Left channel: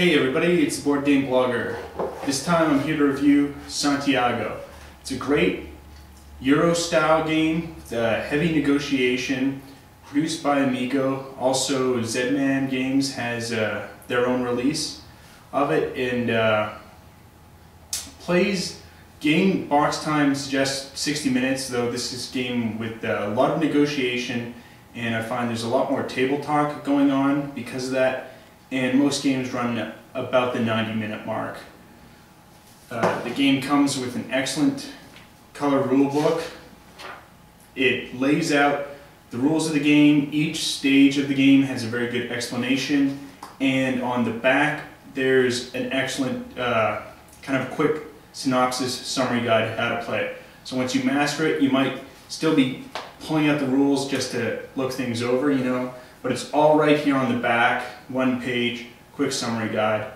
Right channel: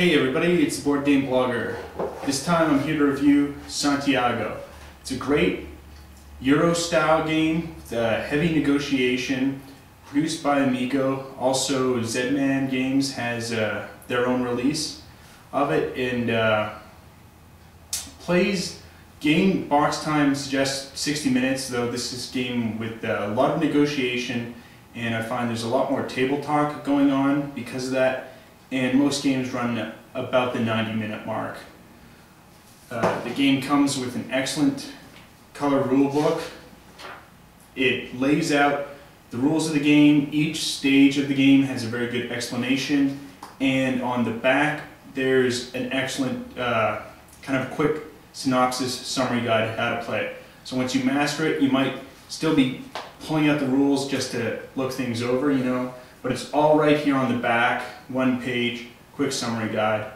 Hey everybody, it's the Board Game Blogger. This time I'm here to review Santiago. It's a great Euro-style game with heavy negotiation, produced by AMIGO. Also, Z-Man Games has their own release of it, and game box time suggests 60 minutes, though this is a game with a lot of negotiation, and I find there's a lot more table talk going on because of that. And most games run about the 90-minute mark. The game comes with an excellent color rulebook. It lays out the rules of the game. Each stage of the game has a very good explanation, and on the back there's an excellent kind of quick synopsis summary guide how to play it. So once you master it, you might still be pulling out the rules just to look things over, but it's all right here on the back, one page, quick summary guide.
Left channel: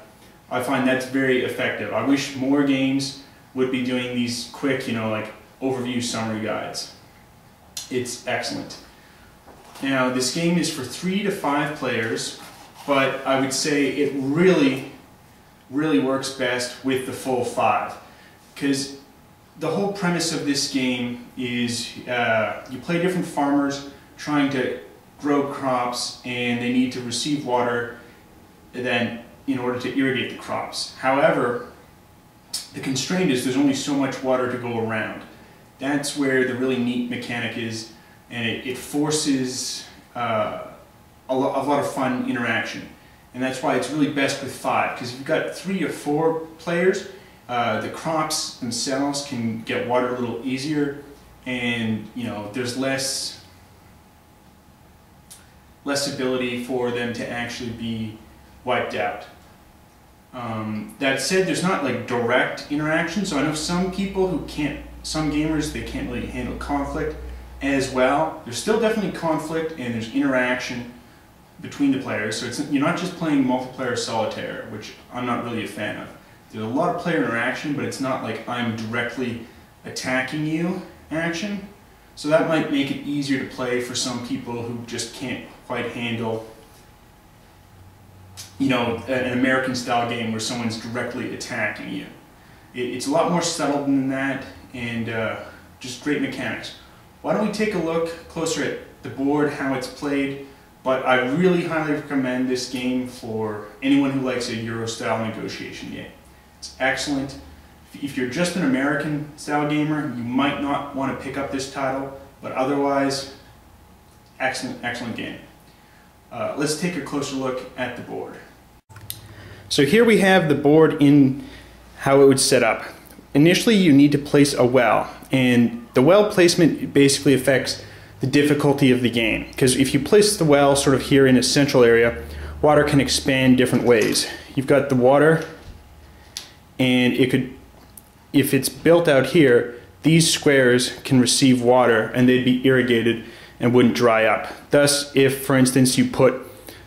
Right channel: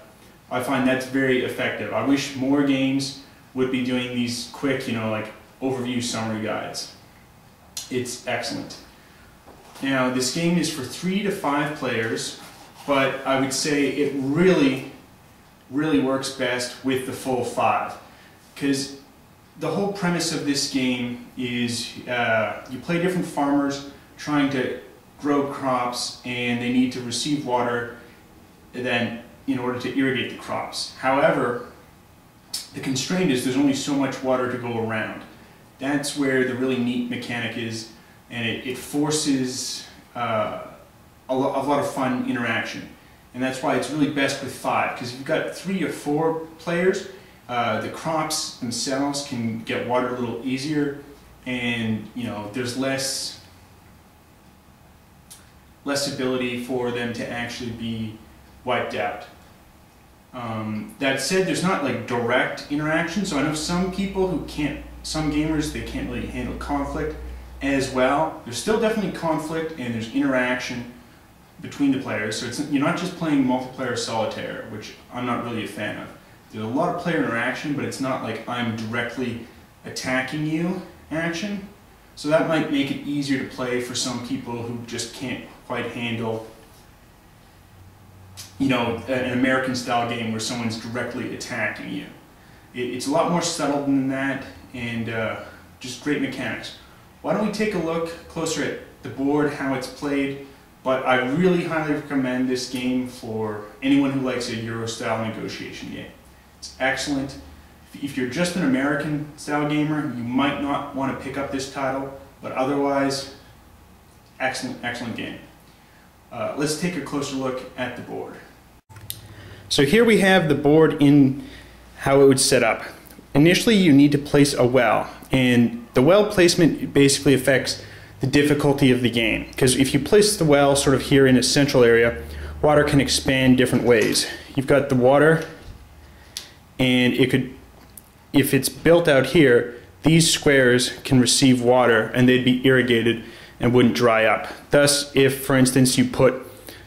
I find that's very effective. I wish more games would be doing these quick, like overview summary guides. It's excellent. Now, this game is for 3 to 5 players, but I would say it really works best with the full 5, because the whole premise of this game is you play different farmers trying to grow crops, and they need to receive water then in order to irrigate the crops. However, the constraint is there's only so much water to go around. That's where the really neat mechanic is, and it forces a lot of fun interaction. And that's why it's really best with 5, because if you've got 3 or 4 players, the crops themselves can get water a little easier, and there's less ability for them to actually be wiped out. That said, there's not like direct interaction, so I know some people who some gamers, they can't really handle conflict as well. There's still definitely conflict, and there's interaction between the players, so you're not just playing multiplayer solitaire, which I'm not really a fan of. There's a lot of player interaction, but it's not like I'm directly attacking you action. So that might make it easier to play for some people who just can't quite handle, an American-style game where someone's directly attacking you. It's a lot more subtle than that, and just great mechanics. Why don't we take a look closer at the board, how it's played? But I really highly recommend this game for anyone who likes a Euro-style negotiation game. It's excellent. If you're just an American-style gamer, you might not want to pick up this title, but otherwise, excellent game. Let's take a closer look at the board. So here we have the board in how it would set up. Initially, you need to place a well, and the well placement basically affects the difficulty of the game, because if you place the well sort of here in a central area, water can expand different ways. You've got the water, and if it's built out here, these squares can receive water and they'd be irrigated and wouldn't dry up. Thus, if, for instance, you put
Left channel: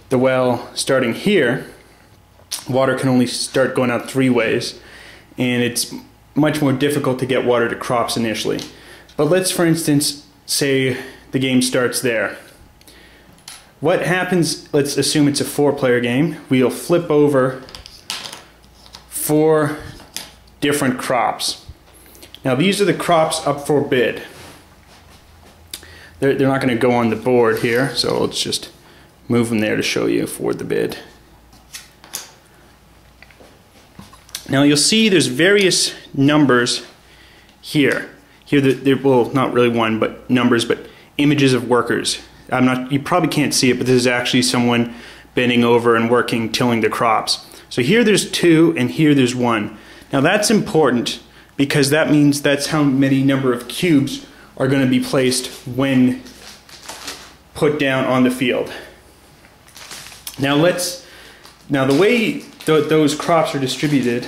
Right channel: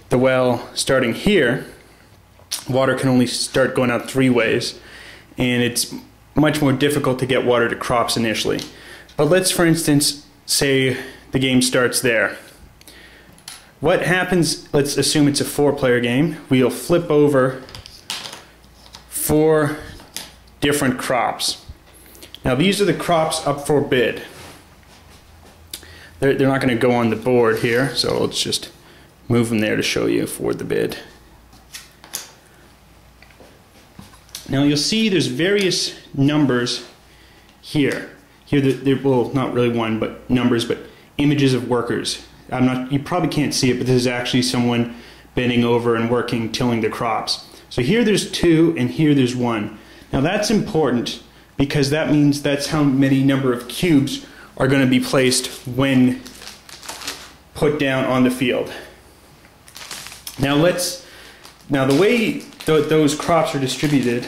the well starting here, water can only start going out 3 ways, and it's much more difficult to get water to crops initially. But let's, for instance, say the game starts there. What happens, let's assume it's a 4-player game, we'll flip over 4 different crops. Now these are the crops up for bid. They're not going to go on the board here, so let's just move them there to show you for the bid. Now you'll see there's various numbers here. Well, not really one, but numbers, but images of workers. You probably can't see it, but this is actually someone bending over and working, tilling the crops. So here there's 2, and here there's 1. Now that's important, because that means that's how many number of cubes are going to be placed when put down on the field. Now the way those crops are distributed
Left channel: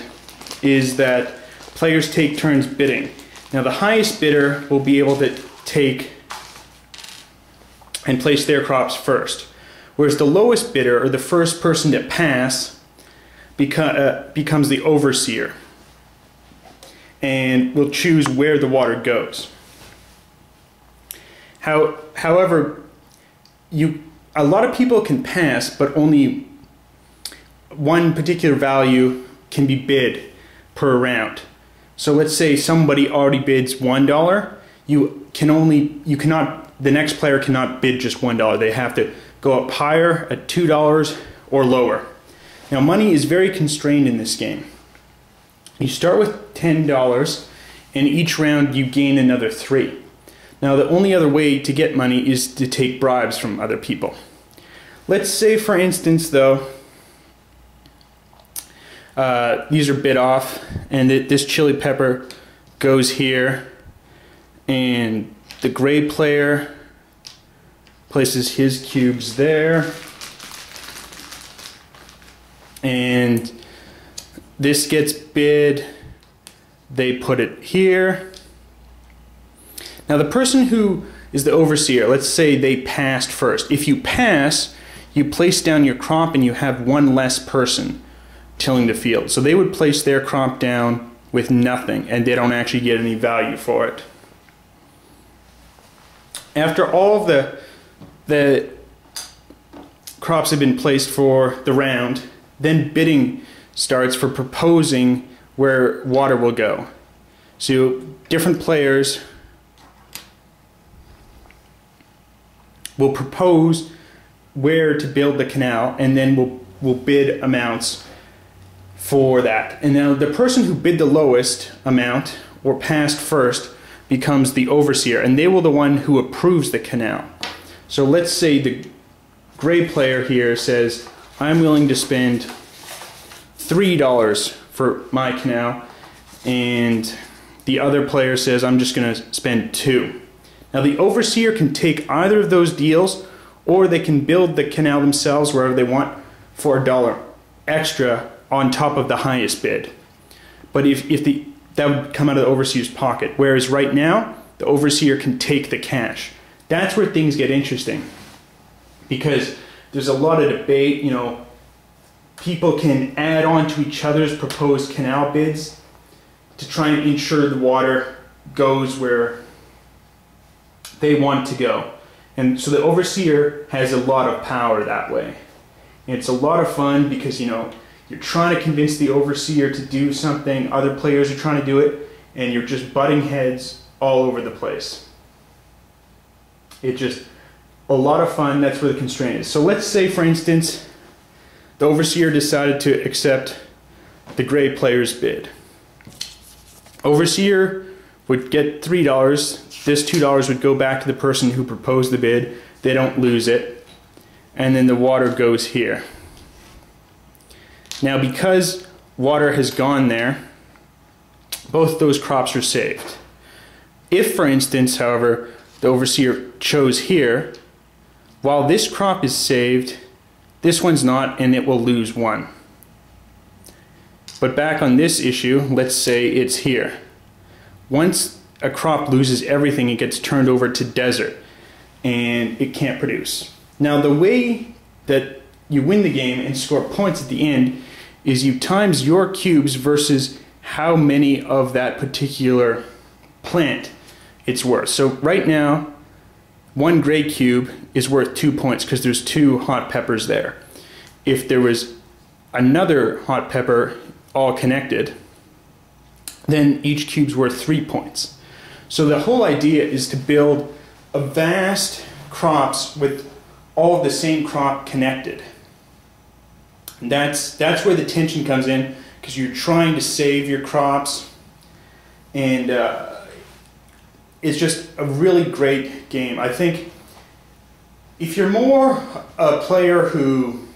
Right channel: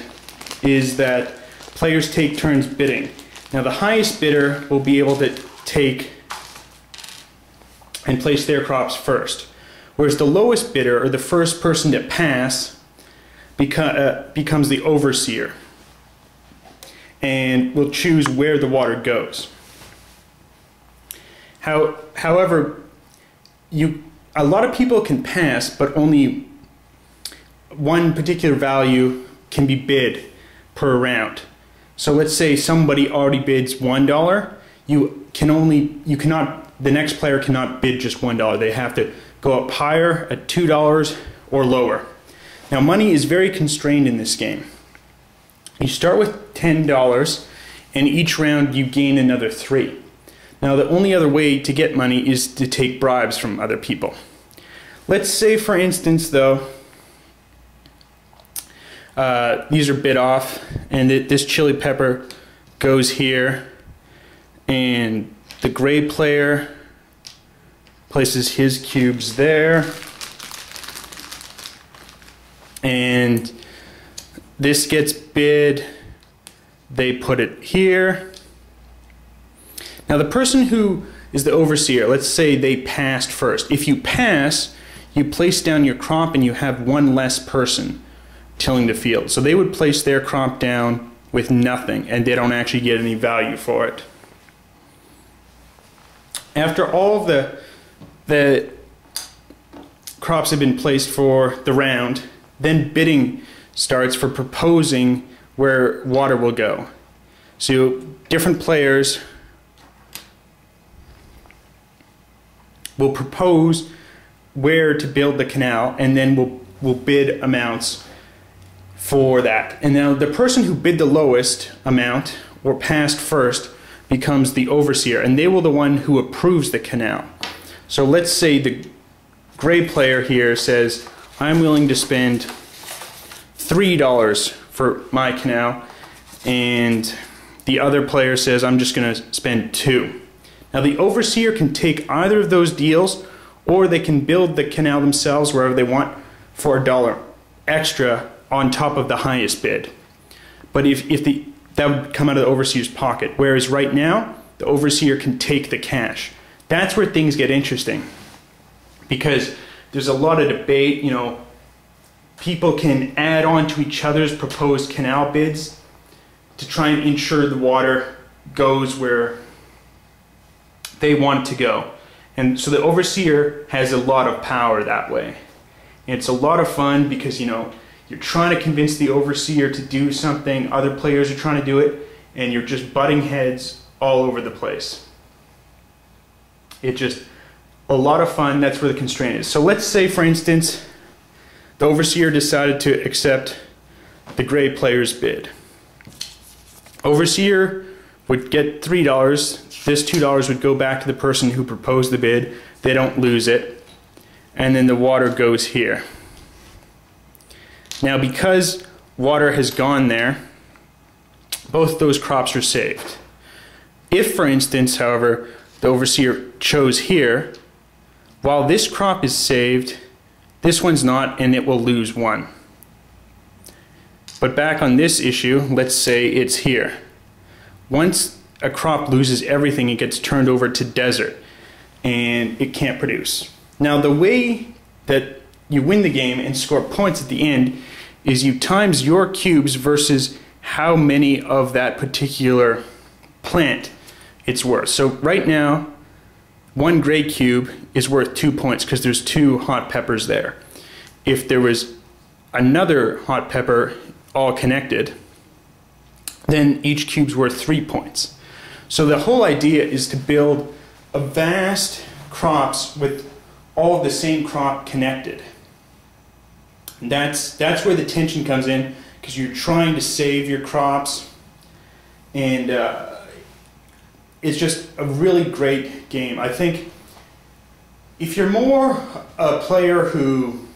is that players take turns bidding. Now the highest bidder will be able to take and place their crops first, whereas the lowest bidder, or the first person to pass, becomes the overseer and will choose where the water goes. However, a lot of people can pass, but only one particular value can be bid per round. So let's say somebody already bids $1. The next player cannot bid just $1. They have to go up higher at $2 or lower. Now money is very constrained in this game. You start with $10 and each round you gain another 3. Now the only other way to get money is to take bribes from other people. Let's say for instance though, these are bid off and this chili pepper goes here and the gray player places his cubes there and this gets bid, they put it here. Now the person who is the overseer, let's say they passed first. If you pass, you place down your crop and you have one less person tilling the field. So they would place their crop down with nothing and they don't actually get any value for it. After all of the crops have been placed for the round, then bidding starts for proposing where water will go. So different players will propose where to build the canal and then we'll bid amounts for that. And now the person who bid the lowest amount or passed first becomes the overseer and they will the one who approves the canal. So let's say the gray player here says, I'm willing to spend $3 for my canal, and the other player says, I'm just going to spend $2. Now the overseer can take either of those deals, or they can build the canal themselves wherever they want for $1 extra on top of the highest bid. But that would come out of the overseer's pocket, whereas right now the overseer can take the cash. That's where things get interesting, because there's a lot of debate. You know, people can add on to each other's proposed canal bids to try and ensure the water goes where they want it to go. And so the overseer has a lot of power that way. And it's a lot of fun because, you know, you're trying to convince the overseer to do something, other players are trying to do it, and you're just butting heads all over the place. It's just a lot of fun. That's where the constraint is. So let's say, for instance, the overseer decided to accept the gray player's bid. Overseer would get $3. This $2 would go back to the person who proposed the bid. They don't lose it. And then the water goes here. Now, because water has gone there, both those crops are saved. If, for instance, however, the overseer chose here, while this crop is saved, this one's not, and it will lose 1. But back on this issue, let's say it's here. Once a crop loses everything, it gets turned over to desert, and it can't produce. Now, the way that you win the game and score points at the end is you times your cubes versus how many of that particular plant it's worth. So right now, 1 gray cube is worth 2 points because there's 2 hot peppers there. If there was another hot pepper all connected, then each cube's worth 3 points. So the whole idea is to build a vast crops with all of the same crop connected. And that's where the tension comes in, because you're trying to save your crops, and it's just a really great game. I think if you're more a player who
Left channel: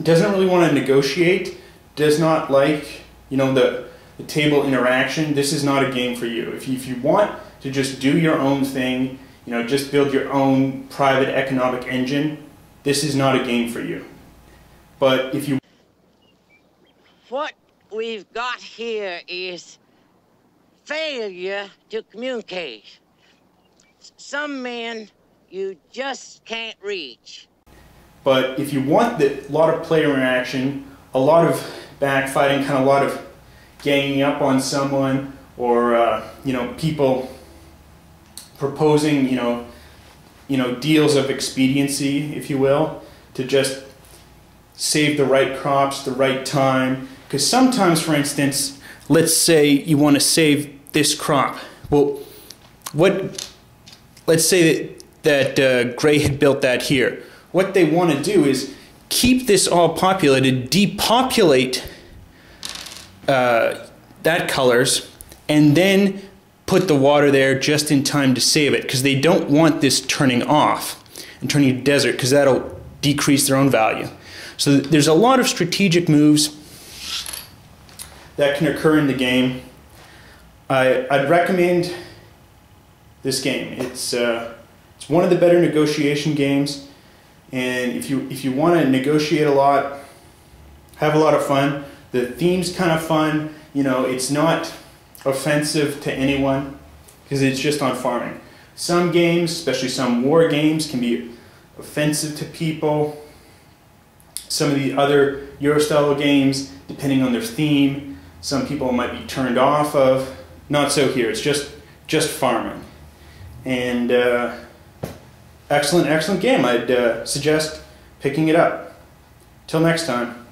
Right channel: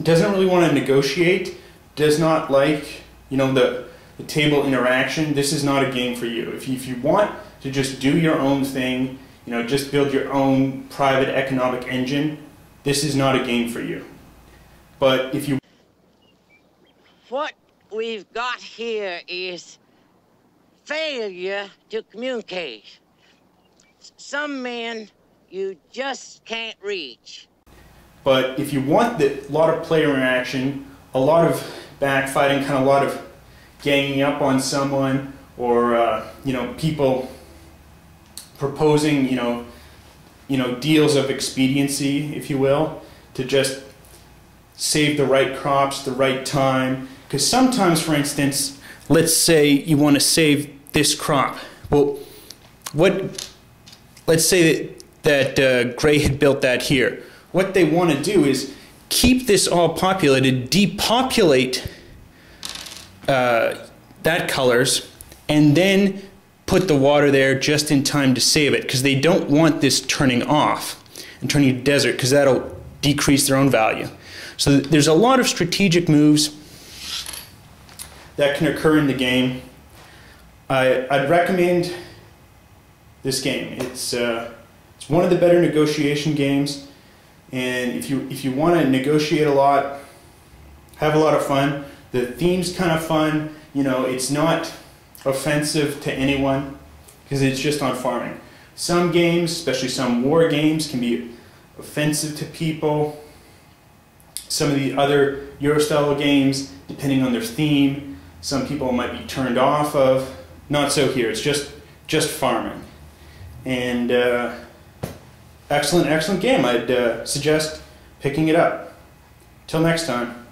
doesn't really want to negotiate, does not like, you know, the table interaction, this is not a game for you. If you want to just do your own thing, you know, just build your own private economic engine, this is not a game for you. But if you... What we've got here is failure to communicate. Some men you just can't reach. But if you want a lot of player interaction, a lot of backfighting, kind of a lot of ganging up on someone, or you know, people proposing, you know, deals of expediency, if you will, to just save the right crops, the right time. Because sometimes, for instance, let's say you want to save this crop. Well, let's say that Gray had built that here. What they want to do is keep this all populated, depopulate that colors, and then put the water there just in time to save it, because they don't want this turning off and turning to desert, because that'll decrease their own value. So there's a lot of strategic moves that can occur in the game. I'd recommend this game. It's one of the better negotiation games, and if you want to negotiate a lot, have a lot of fun. The theme's kind of fun. You know, it's not offensive to anyone because it's just on farming. Some games, especially some war games, can be offensive to people. Some of the other Euro-style games, depending on their theme, some people might be turned off of. Not so here. It's just farming. And excellent game. I'd suggest picking it up. Till next time.